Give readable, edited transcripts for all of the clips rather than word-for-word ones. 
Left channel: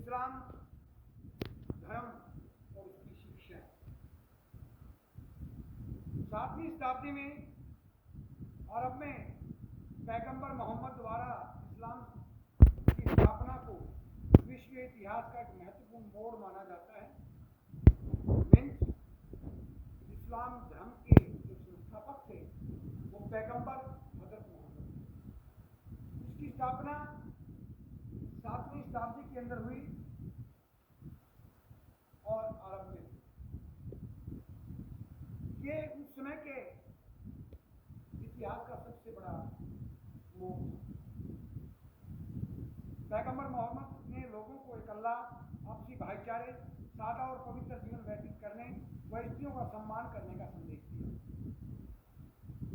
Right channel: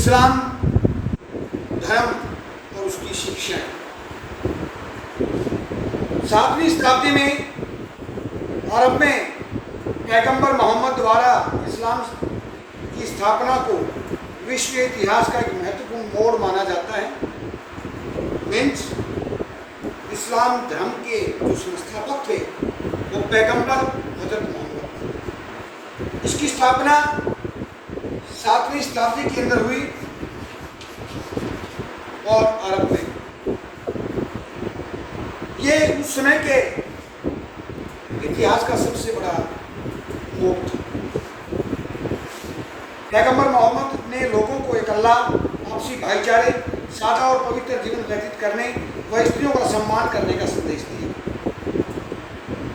इस्लाम धर्म और उसकी शिक्षाएं। 7वीं शताब्दी में अरब में पैगंबर मोहम्मद द्वारा इस्लाम की स्थापना को विश्व इतिहास का एक महत्वपूर्ण मोड़ माना जाता है। मीन्स इस्लाम धर्म के जो संस्थापक थे वो पैगंबर हजरत मोहम्मद। इसकी स्थापना 7वीं शताब्दी के अंदर हुई और अरब में। ये उस समय के इतिहास का सबसे बड़ा मोड़ था। पैगंबर मोहम्मद ने लोगों को एक अल्लाह, आपसी भाईचारे, सादा और पवित्र जीवन व्यतीत करने व स्त्रियों का सम्मान करने का संदेश दिया।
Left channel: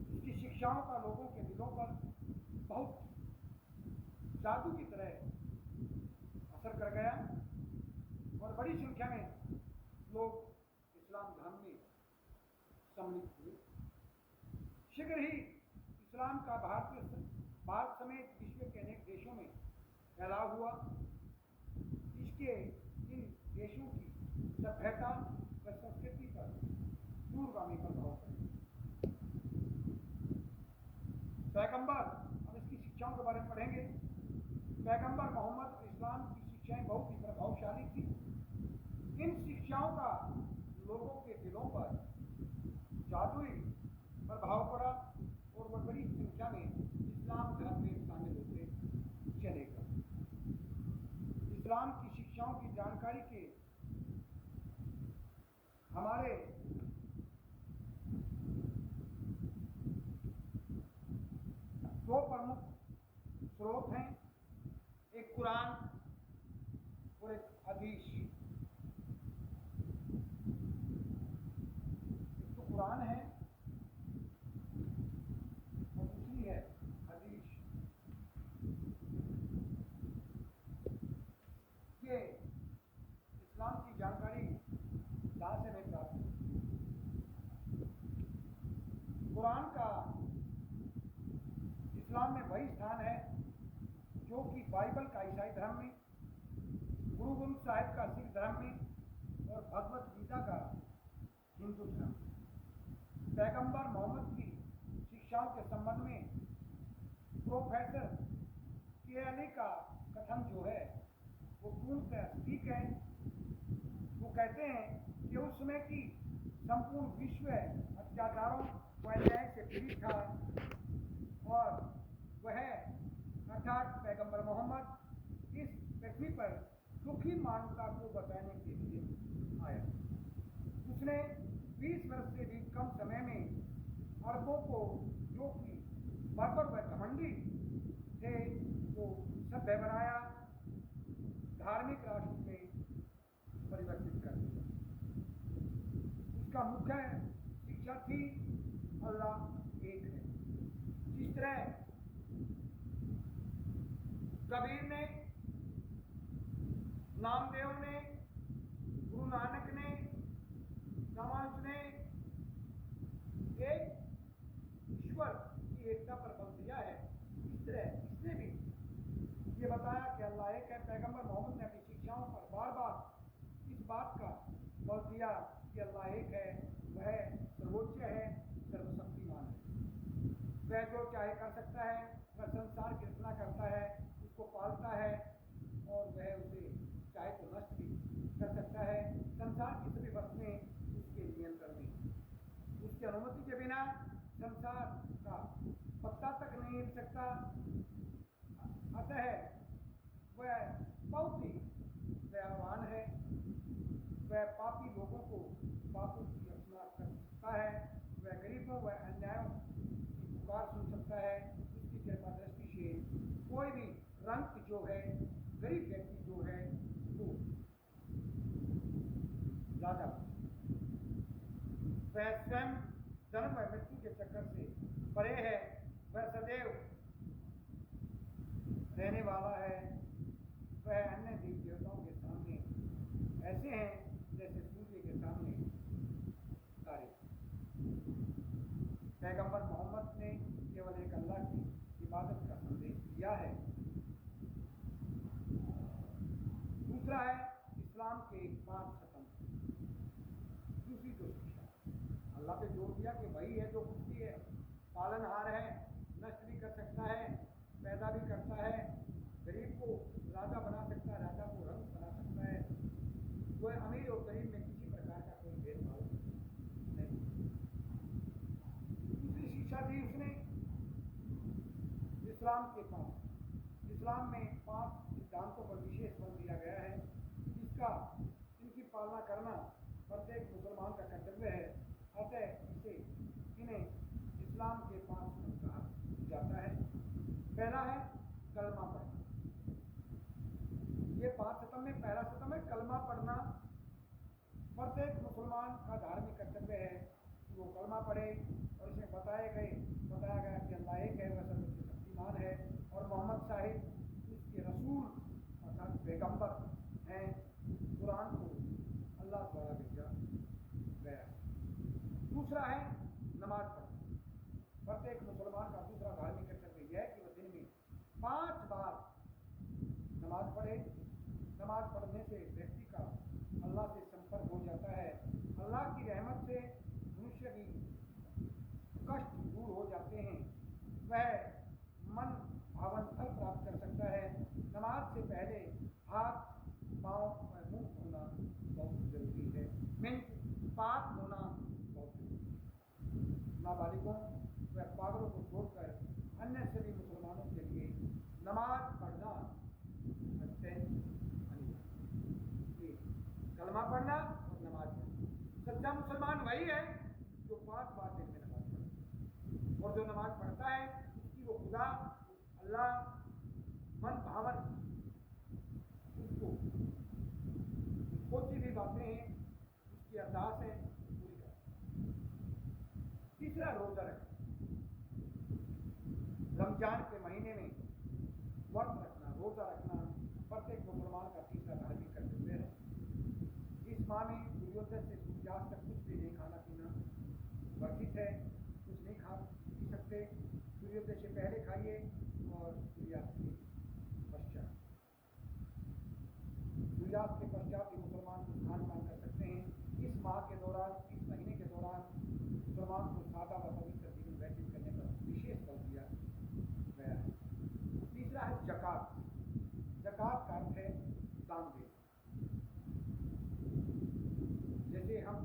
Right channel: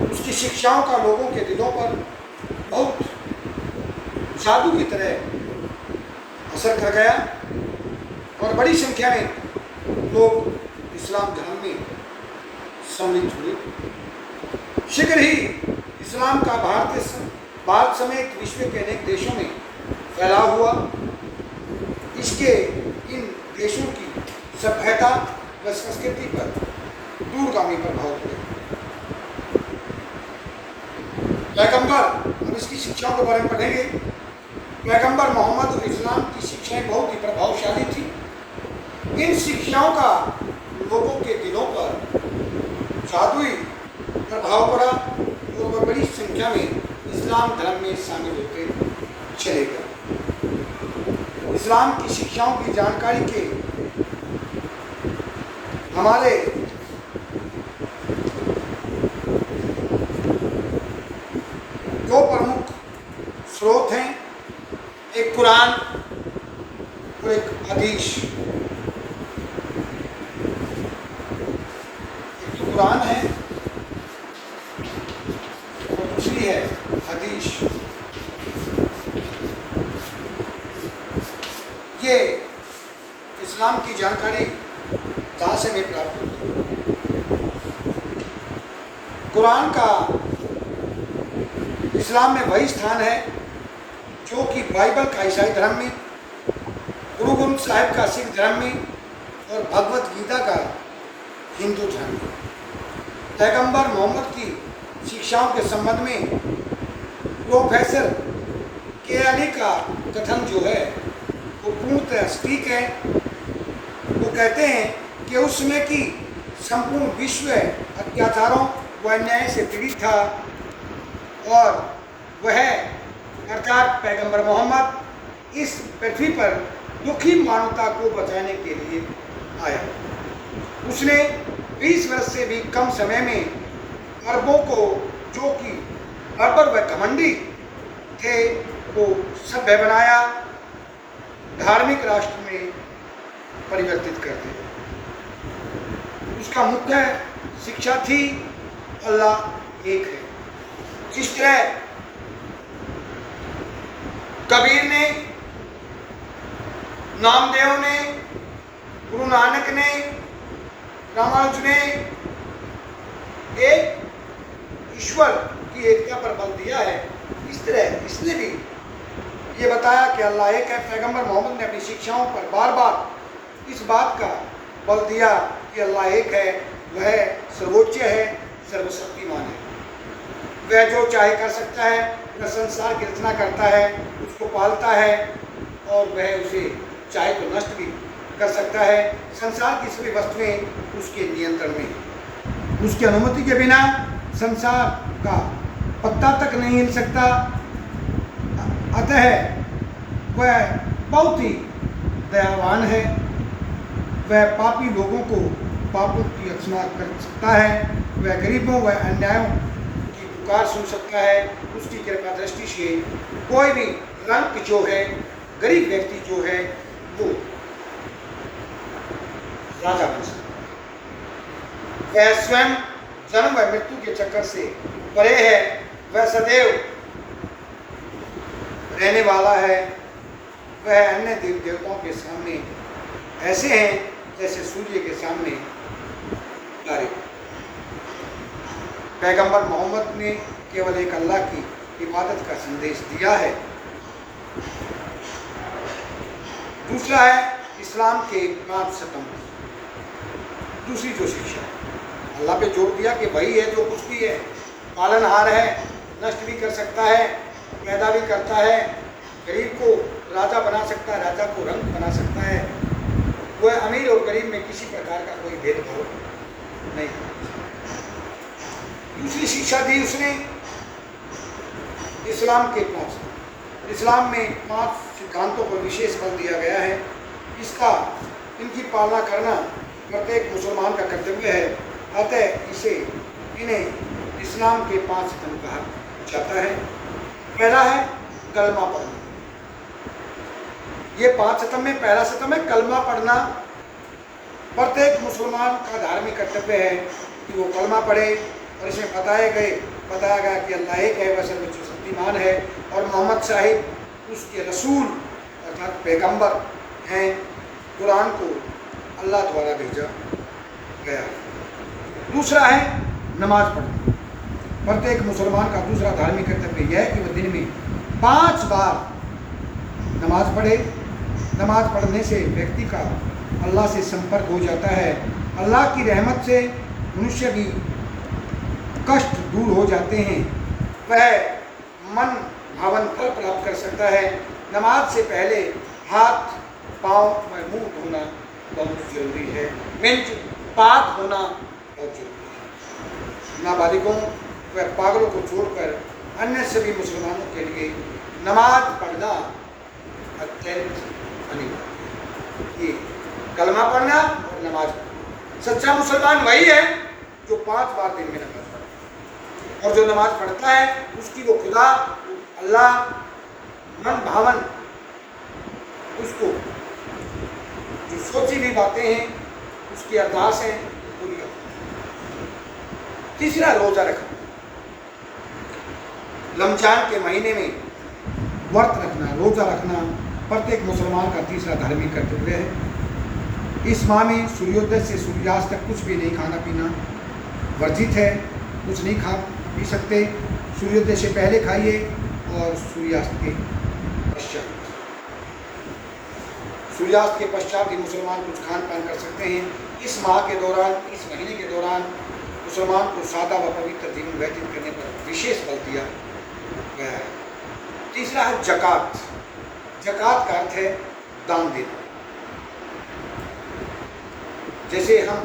उसकी शिक्षाओं का लोगों के दिलों पर बहुत जादू की तरह असर कर गया और बड़ी संख्या में लोग इस्लाम धर्म में सम्मिलित हुए। शीघ्र ही इस्लाम का भारत समेत विश्व के अनेक देशों में फैलाव हुआ। इसके इन देशों की सभ्यता व संस्कृति पर दूरगामी प्रभाव पड़े। पैगंबर, हम इसकी शिक्षाओं के बारे में पढ़ेंगे। पैगंबर मोहम्मद और इस्लाम की शिक्षाएं बहुत ही प्रभावशाली थी। इन शिक्षाओं का लोगों के दिलों पर जादुई प्रभाव पड़ा और वह बड़ी संख्या में इस्लाम धर्म में शामिल होते चले गए। इस्लाम की शिक्षाओं की जानकारी के हमारे दो प्रमुख स्रोत हैं, एक कुरान और एक हदीस। एक कुरान है और दूसरी है हदीस। ये इस्लाम की जानकारी कहाँ से हमें प्राप्त होती है? कुरान का इस्लाम में वही स्थान है जो कि बाइबल का ईसाई धर्म में, गुरु ग्रंथ साहिब का सिख धर्म में और भगवत गीता का हिंदू धर्म में। पैगंबर मोहम्मद की शिक्षाओं के संबंध में प्रोफेसर केयानी का कथन जो है वो पूर्णतः सटीक है। वो कहते हैं कि उस समय की संपूर्ण विश्व अत्याचारों व अन्याय से पीड़ित था और वह अर्थात पैगंबर मोहम्मद इस पृथ्वी पर दुखी मानवता को बचाने के लिए आया। उसने 20 वर्ष से भी कम समय में अरबों को, जो कि बर्बर व घमंडी थे, को सभ्य बनाया, धार्मिक राष्ट्र में परिवर्तित कर दिया। उसका मुख्य शिक्षा थी अल्लाह एक है। जिस तरह कबीर ने, नामदेव ने, गुरु नानक ने, रामानुज ने एक ईश्वर की एकता पर बल दिया है, इस तरह इसने भी ये बताया कि अल्लाह एक है। पैगंबर मोहम्मद ने अपनी शिक्षाओं पर बार बार इस बात का बल दिया कि अल्लाह एक है, वह सर्वोच्च है, सर्वशक्तिमान है। वह जो चाहे कर सकता है, वह संसार की रचना करता है, उसको पालता है और वह उसे चाहे तो नष्ट भी कर सकता है। संसार की सभी वस्तुएं उसके नियंत्रण में हैं। उसकी अनुमति के बिना संसार का पत्ता तक नहीं हिल सकता। अतः वह बहुत ही दयावान है। वह पापी लोगों को पापों की रचना कर सकता है। वह गरीबों व अन्यायों की पुकार सुन सकता है। उसकी कृपा दृष्टि से कोई भी रंग जो है, गरीब व्यक्ति जो है, वो राजा बन सकता है। वह स्वयं जन्म व मृत्यु के चक्कर से परे है। वह सदैव रहने वाला है। वह अन्य देव देवताओं के सामने ऐसे हैं जैसे सूर्य के सामने तारे। पैगंबर मोहम्मद ने केवल एक अल्लाह की इबादत का संदेश दिया है। दूसरा है इस्लाम के 5 स्तंभ। दूसरी जो शिक्षा अल्लाह पे जोर दिया कि वही है जो कुछ भी है, पालनहार है, नष्ट भी कर सकता है, पैदा भी करता है, गरीब को राजा बना सकता है, राजा को रंग बना सकता है, वह अमीर और गरीब में किसी प्रकार का कोई भेदभाव नहीं। दूसरी शिक्षा दी उसने इस्लाम के 5। इस्लाम में 5 सिद्धांतों पर विशेष बल दिया गया है। इनकी पालना करना प्रत्येक मुसलमान का कर्तव्य है। अतः इन्हें इस्लाम के 5 स्तंभ कहा जाता है। पहला है कलमा पढ़ना। ये 5 स्तंभ में पहला स्तंभ है कलमा पढ़ना। प्रत्येक मुसलमान का धार्मिक कर्तव्य है कि वो कलमा पढ़े, और इसमें बताया गया कि अल्लाह एक है, वह सर्वशक्तिमान है, और मोहम्मद साहिब उसके रसूल अर्थात पैगंबर हैं। कुरान को अल्लाह द्वारा भेजा गया। दूसरा है नमाज पढ़ना। प्रत्येक मुसलमान का दूसरा धार्मिक कर्तव्य यह है कि वह दिन में 5 बार नमाज पढ़े। नमाज पढ़ने से व्यक्ति का अल्लाह से संपर्क हो जाता है। अल्लाह की रहमत से मनुष्य भी कष्ट दूर हो जाते हैं, वह मन भावन फल प्राप्त कर सकता है। नमाज से पहले हाथ पाँव व मुंह धोना बहुत जरूरी है। मिंच पाक होना बहुत जरूरी है। नाबालिगों व पागलों को छोड़कर अन्य सभी मुसलमानों के लिए नमाज पढ़ना अत्यंत अनिवार्य है। ये कलमा पढ़ना और नमाज पढ़ना। सच्चा मुसलमान वही है जो 5 बार दिन में नमाज पढ़ता है, और जो नमाज पढ़ता है उसकी वो खुदा अल्लाह मन भावन उसको जो सोची भी बातें हैं उसकी अरदास है पूरी होती है। तीसरा रोजा रखना। रमजान के महीने में व्रत रखना, रोजा रखना प्रत्येक मुसलमान का तीसरा धार्मिक कर्तव्य है। इस माह में सूर्योदय से सूर्यास्त तक कुछ भी नहीं खाना पीना वर्जित है। कुछ नहीं खा पी सकते। सूर्योदय से पहले खाइए और सूर्यास्त के पश्चात। सूर्यास्त के पश्चात ही मुसलमान कुछ खान पान कर सकते हैं। इस माह के दौरान, इस महीने के दौरान मुसलमान को सादा व पवित्र जीवन व्यतीत करने पर विशेष बल दिया गया है। तीसरा है ज़कात। ज़कात का अर्थ है दान देना। जैसे हम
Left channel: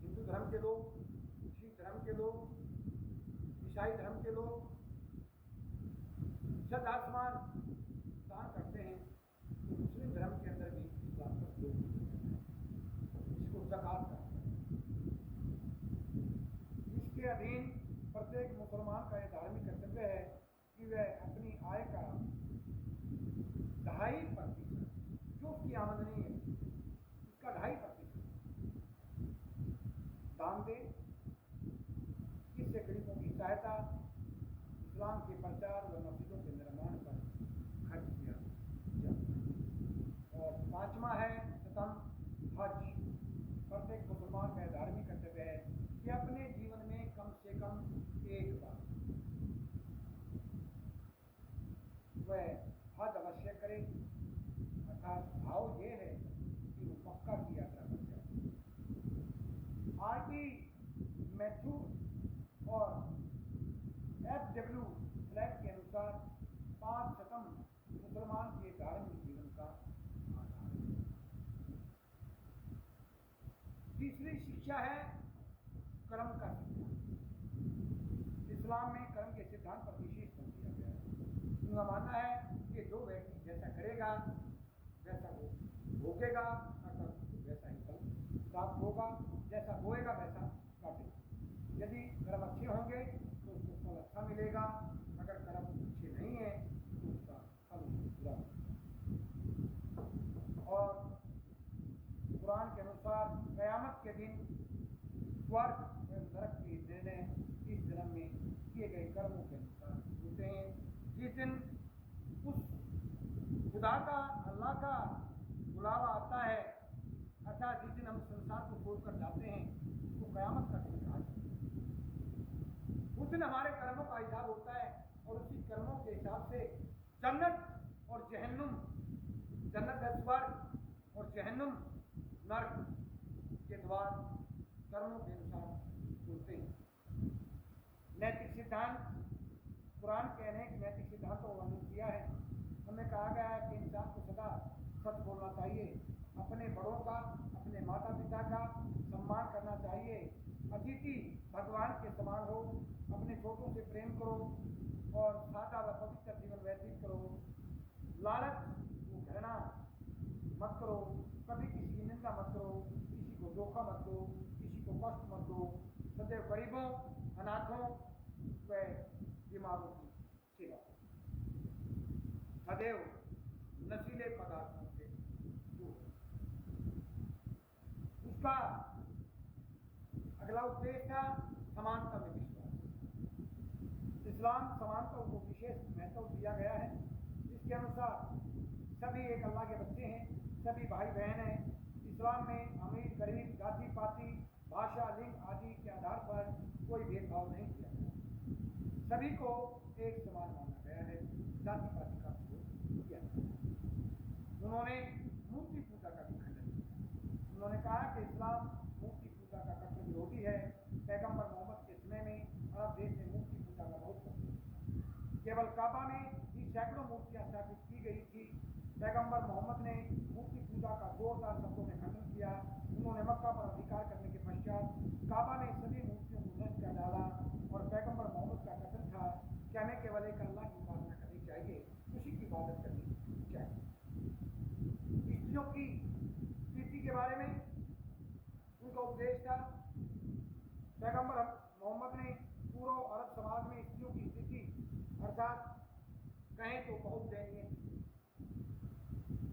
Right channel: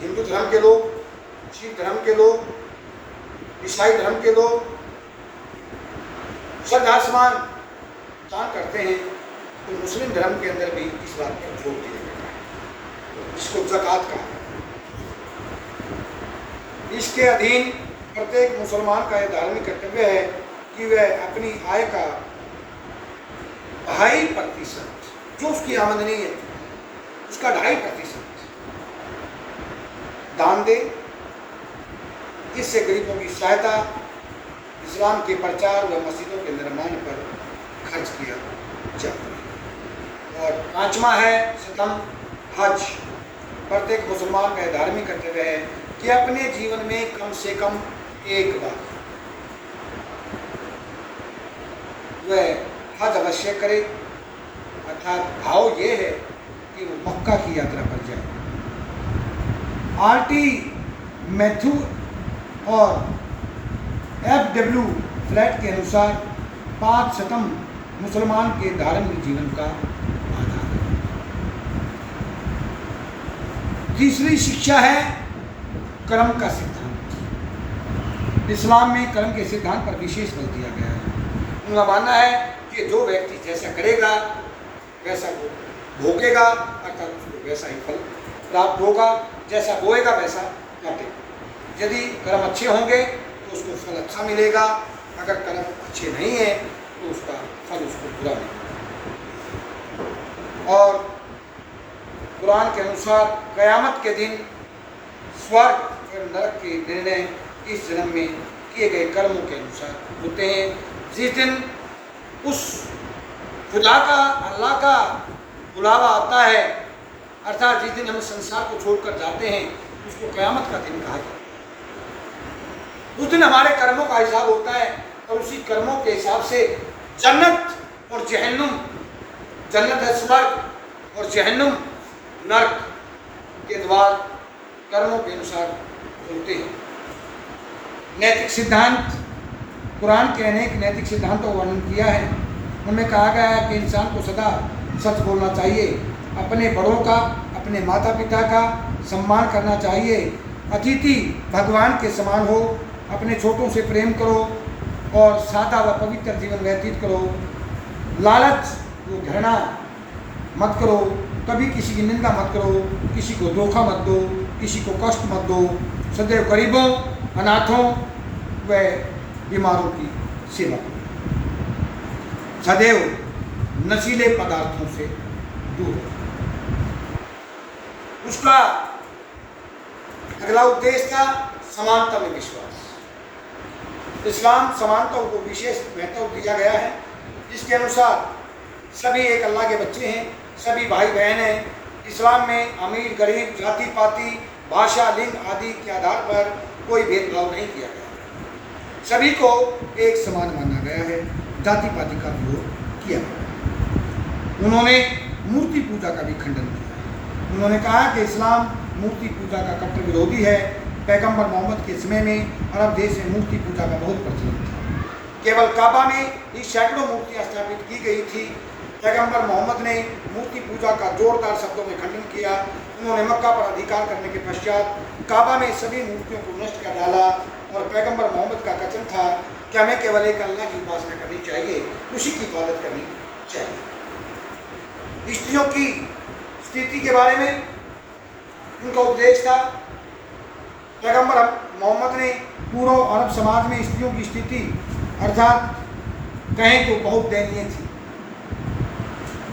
हिंदू धर्म के लोग, सिख धर्म के लोग, ईसाई धर्म के लोग श्रद्धा समान दान करते हैं, तो मुस्लिम धर्म के अंदर भी इस बात पर जोर दिया गया है, इसको ज़कात कहा। इसके अधीन प्रत्येक मुसलमान का यह धार्मिक कर्तव्य है कि वह अपनी आय का 2.5% जो उसकी आमदनी है उसका 2.5% दान दे। इससे गरीबों की सहायता, इस्लाम के प्रचार व मस्जिदों के निर्माण पर खर्च किया जाता है। और 5वां है स्तंभ हज। प्रत्येक मुसलमान का धार्मिक कर्तव्य है कि अपने जीवन में कम से कम एक बार वह हज अवश्य करे। अर्थात भाव ये है कि वो मक्का की यात्रा पर जाए। आरटी मैथ्यू और FW फ्लैट के अनुसार 5 स्तंभ मुसलमान के धार्मिक जीवन का आधार है। तीसरी शिक्षा है कर्म का सिद्धांत। इस्लाम में कर्म के सिद्धांत पर विशेष बल दिया गया है। उनका मानना है कि जो व्यक्ति जैसा करेगा वैसा वो भोगेगा, अर्थात उसको वैसा ही फल प्राप्त होगा। जैसा बोएगा वैसा काटेगा। यदि कर्म अच्छे होंगे तो उसको फल अच्छा मिलेगा, अगर कर्म अच्छे नहीं है तो उसका फल उसको बुरा मिलेगा। और कुरान के अनुसार क़यामत के दिन स्वर्ग और नरक के निर्णय इस जन्म में किए गए कर्मों के अनुसार होते हैं। जिस दिन उस खुदा का, अल्लाह का बुलावा आता है, अर्थात जिस दिन हम संसार को छोड़कर जाते हैं उसको क़यामत का दिन कहा जाता है। उस दिन हमारे कर्मों का हिसाब होता है और उसी कर्मों के हिसाब से जन्नत और जहन्नुम जन्नत है स्वर्ग और जहन्नुम नर्क के द्वार कर्मों के अनुसार खुलते हैं। नैतिक सिद्धांत, कुरान के अनेक नैतिक सिद्धांतों का वर्णन किया है। उनमें कहा गया है कि इंसान को सदा सच बोलना चाहिए, अपने बड़ों का, अपने माता पिता का सम्मान करना चाहिए, अतिथि भगवान के समान हो, अपने छोटों से प्रेम करो और सादा व पवित्र जीवन व्यतीत करो, लालच वो घृणा मत करो, कभी किसी की निंदा मत करो, किसी को धोखा मत दो, किसी को कष्ट मत दो, सदैव गरीबों, अनाथों व बीमारों की सेवा करो, सदैव नशीले पदार्थों से दूर रहो। उसका अगला उद्देश्य था समानता में विश्वास। इस्लाम समानता को विशेष महत्व दिया गया है, जिसके अनुसार सभी एक अल्लाह के बच्चे हैं, सभी भाई बहन हैं। इस्लाम में अमीर गरीब, जाति पाति, भाषा, लिंग आदि के आधार पर कोई भेदभाव नहीं किया गया, सभी को एक समान माना गया है, जाति पाति का विरोध किया गया। उन्होंने मूर्ति पूजा का भी खंडन किया। उन्होंने कहा कि इस्लाम मूर्ति पूजा का कट्टर विरोधी है। पैगंबर मोहम्मद के समय में अरब देश में मूर्ति पूजा का बहुत प्रचलन था। केवल काबा में ही सैकड़ों मूर्तियाँ स्थापित की गई थी। पैगंबर मोहम्मद ने मूर्ति पूजा का जोरदार शब्दों में खंडन किया। उन्होंने मक्का पर अधिकार करने के पश्चात काबा में सभी मूर्तियों को नष्ट कर डाला और पैगंबर मोहम्मद का कथन था कि हमें केवल एक अल्लाह की उपासना करनी चाहिए, उसी की इबादत करनी चाहिए। स्त्रियों की स्थिति के बारे में उनका उपदेश था। पैगंबर मोहम्मद ने पूर्व अरब समाज में स्त्रियों की स्थिति अर्थात कहें तो बहुत दयनीय थी।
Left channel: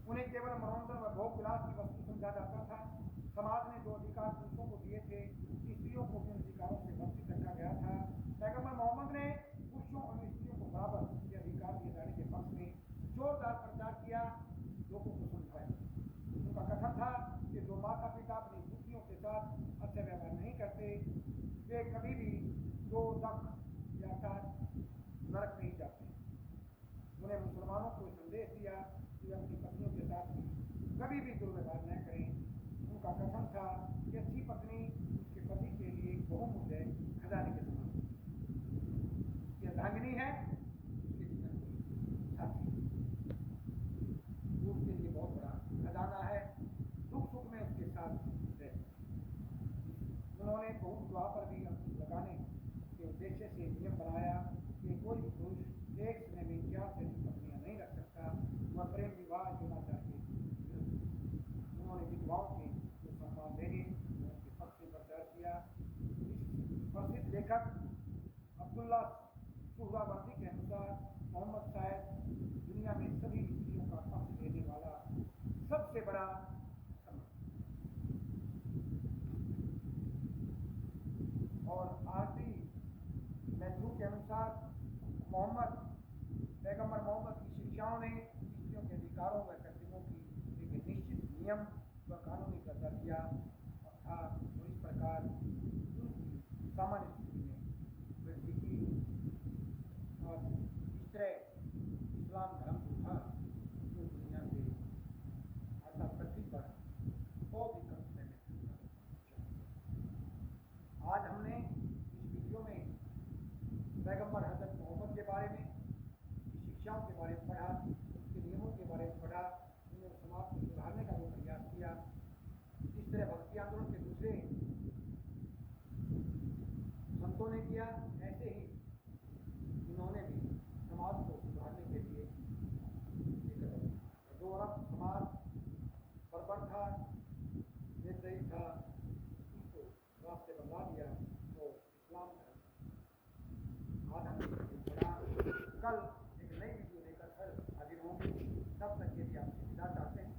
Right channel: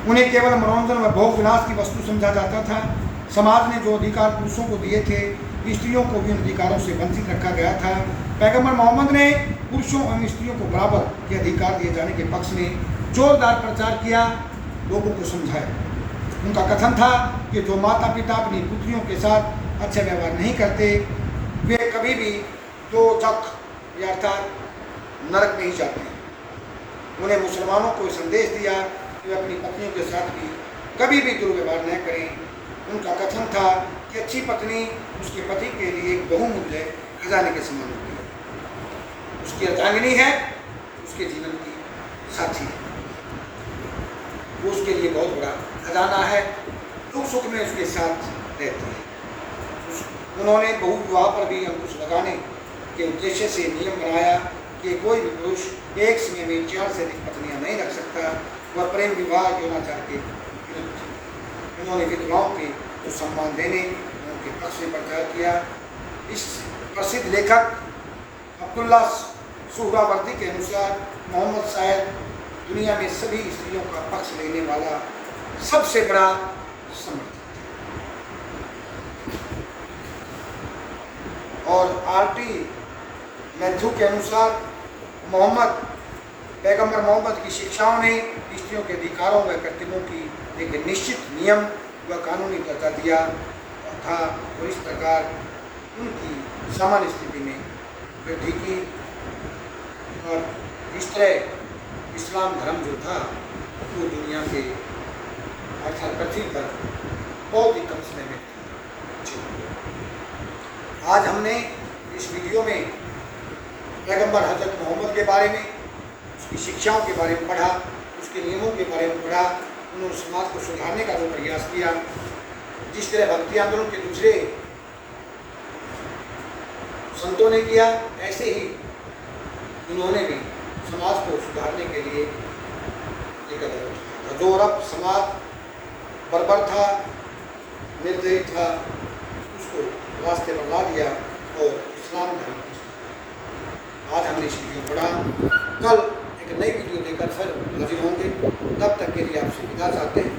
उन्हें केवल मनोरंजन व भोग विलास की वस्तु समझा जाता था। समाज ने जो अधिकार पुरुषों को दिए थे, स्त्रियों को भी उन अधिकारों से वंचित रखा गया था। पैगंबर मोहम्मद ने पुरुषों एवं स्त्रियों को बराबर के अधिकार दिए जाने के पक्ष में जोरदार प्रचार किया, लोगों को समझाया। उनका कथन था कि जो माता पिता अपनी पुत्रियों के साथ अच्छा व्यवहार नहीं करते, वे कभी भी दो जख अर्थात नरक नहीं जाते। उन्हें मुसलमानों को संदेश दिया कि वे अपनी पत्नियों के साथ भी कभी भी दुर्व्यवहार न करें। उनका कथन था कि अच्छी पत्नी उसके पति के लिए एक बहुमूल्य खजाने के समान होती है। उसकी अर्धांगिनी है, उसके जीवन की साथी है, वो उसके लिए बहुत बड़ा खजाना है, दुख सुख में उसके साथ रहती है। उन्होंने बहुविवाह पर भी अंकुश लगाने के उद्देश्य से नियम बनाया कि कोई भी पुरुष एक समय में 4 से अधिक पत्नियां नहीं रख सकता। वह प्रेम विवाह यौनाचार के विरुद्ध। उन्होंने विधवाओं को सम्मान देने, उनके पक्ष में प्रचार किया। इस प्रसिद्ध लेखक अब्दुल्ला सुहरावर्दी के अनुसार मोहम्मद शायद दुनिया में सभी स्त्रियों का पक्ष लेने वाला सबसे बड़ा समर्थक। और आर.टी. मैथ्यू के अनुसार पैगंबर मोहम्मद की शिक्षाओं ने स्त्रियों के अधिकारों व कर्तव्यों की एक निश्चित नियम व कानूनी दर्जा दिया था और इस प्रकार उनकी सामान्य स्थिति में वृद्धि की। और इस तरह इस्लाम धर्म जो था वो दुनिया के अर्थात पृथ्वी पर बहुत ही कम समय में आज हमने इस वीडियो में पैगंबर हज़रत मोहम्मद के बारे में, उसकी शिक्षाओं के बारे में पढ़ा, उसके नियमों के बारे में पढ़ा। उन्होंने समाज को सुधारने का जो प्रयास किया, जिस तरह भक्ति आंदोलन के दूसरे संतों ने किया, ऐसे ही उन्होंने भी समाज को सुधारने के लिए एक कदम उठाया। जो अरब समाज बर्बर था, निर्दयी था, उसको रास्ते पर ला दिया और इस्लाम धर्म। आज हमने इस वीडियो पढ़ा, कल एक नई वीडियो लेकर फिर हाजिर होंगे। तब तक के लिए आपसे विदा चाहते हैं।